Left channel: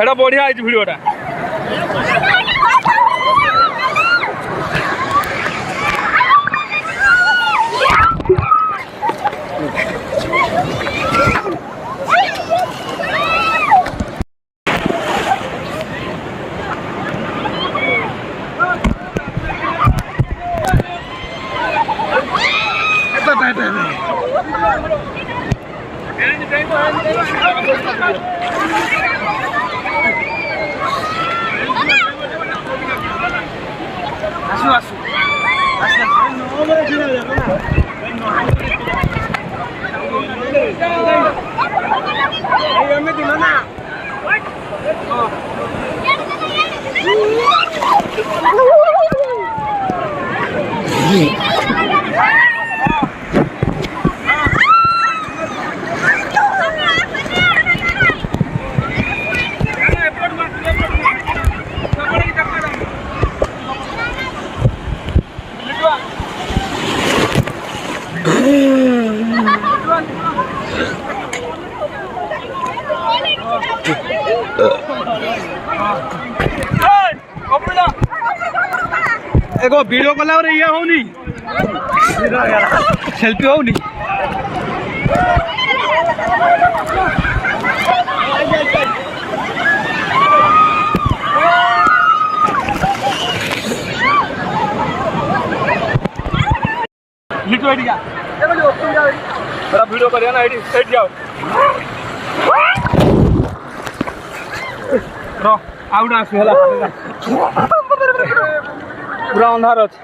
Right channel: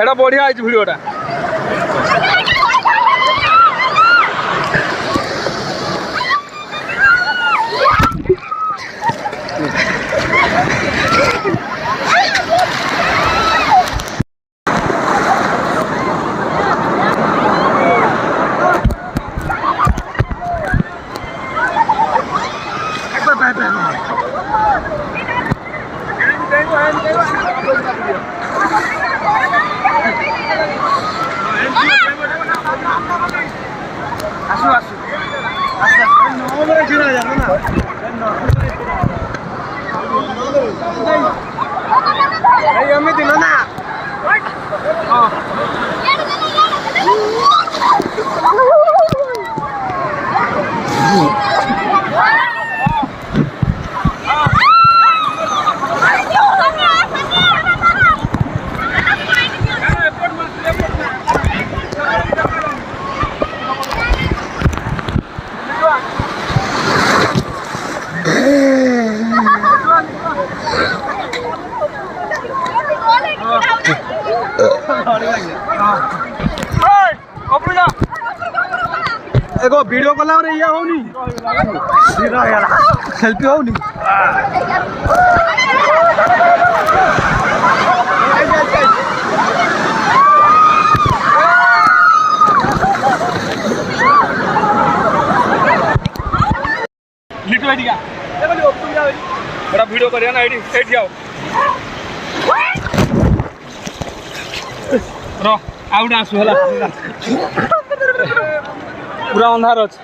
এটা বঢ়িয়া হয়েছে ভিডিওটা। আসো আসো আস্তে আস্তে নবরে ছিড়া যাবে না এই আমি দিল না एगो वीडियो कॉल और ये होनी सेल्फी होनी लिटो आईडी का ए बोलो तुम जाओ बड़ा वीडियो करिया ना आईडी सेट जाओ रो आउट आसु होला पूरा अंधार अच्छे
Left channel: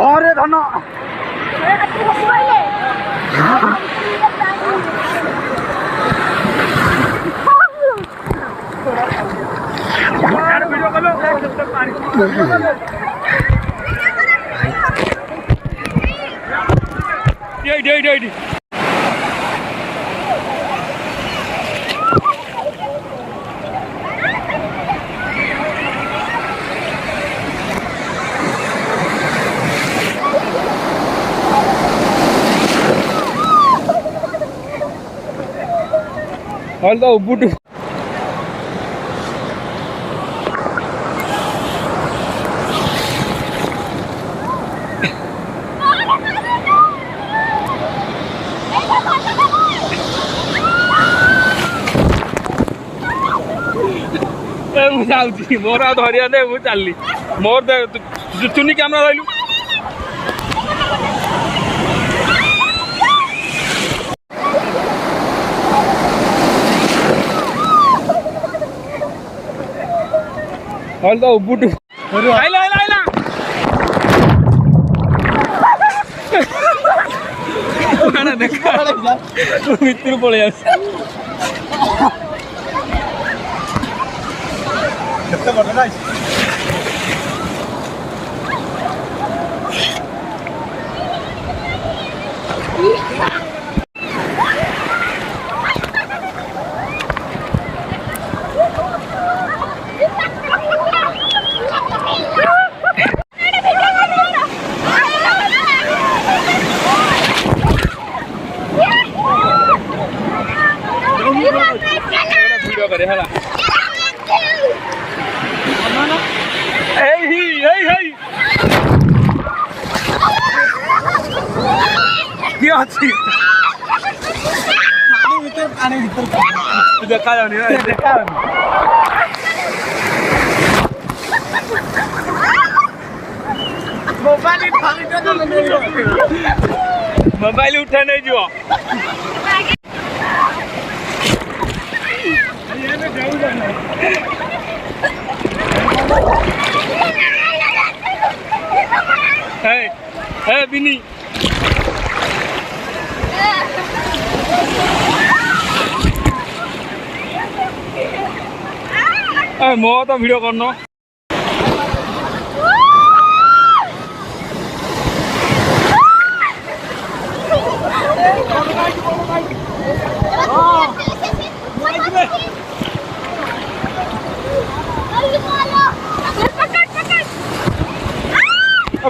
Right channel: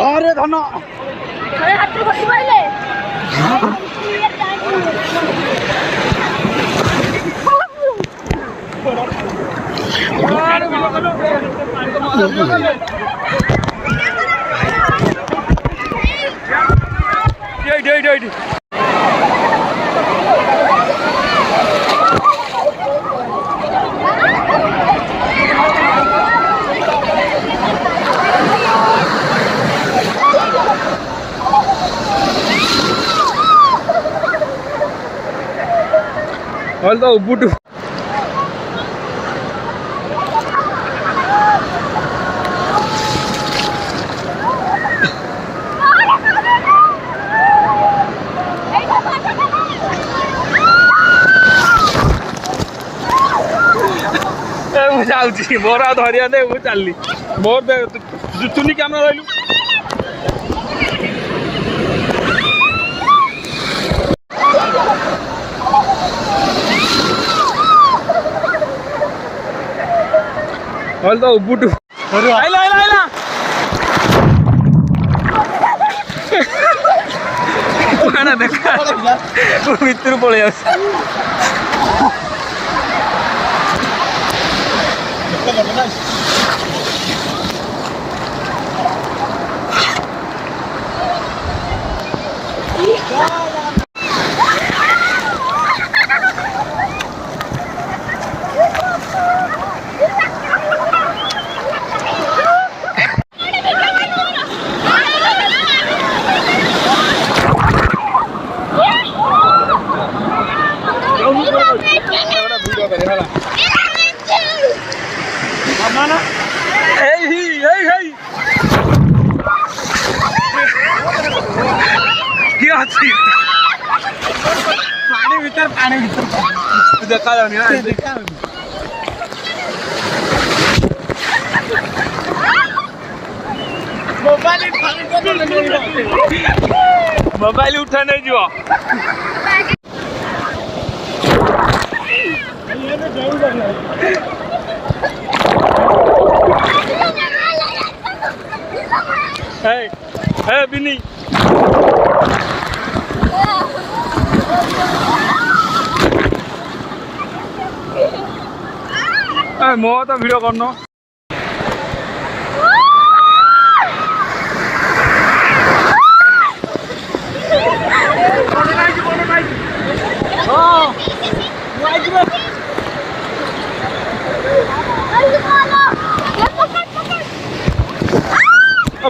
अरे धन Although Ubuntu जाऊँगी मोर आ धरिया दे मु चलली मोर दे चुनी कैमरा धरलु Although Ubuntu आइला आइला आइला ना देखा मित्र पळे आस वीडियो करे हला क्या अच्छी पानी भीतर देखा जाओ ना देखा मोबाइल उठा नहीं जो है बिनी मो तो वीडियो करनो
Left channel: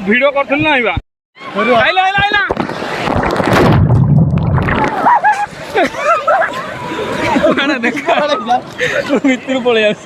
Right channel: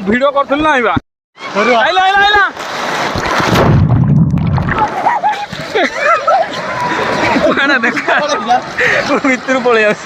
ଭିଡିଓ କରୁଥିଲି ନା ଆଇବା ଆଇଲା ଆଇଲା ଆଇଲା କଣ ଦେଖା ଭିତରୁ ପଳେଇ ଆସ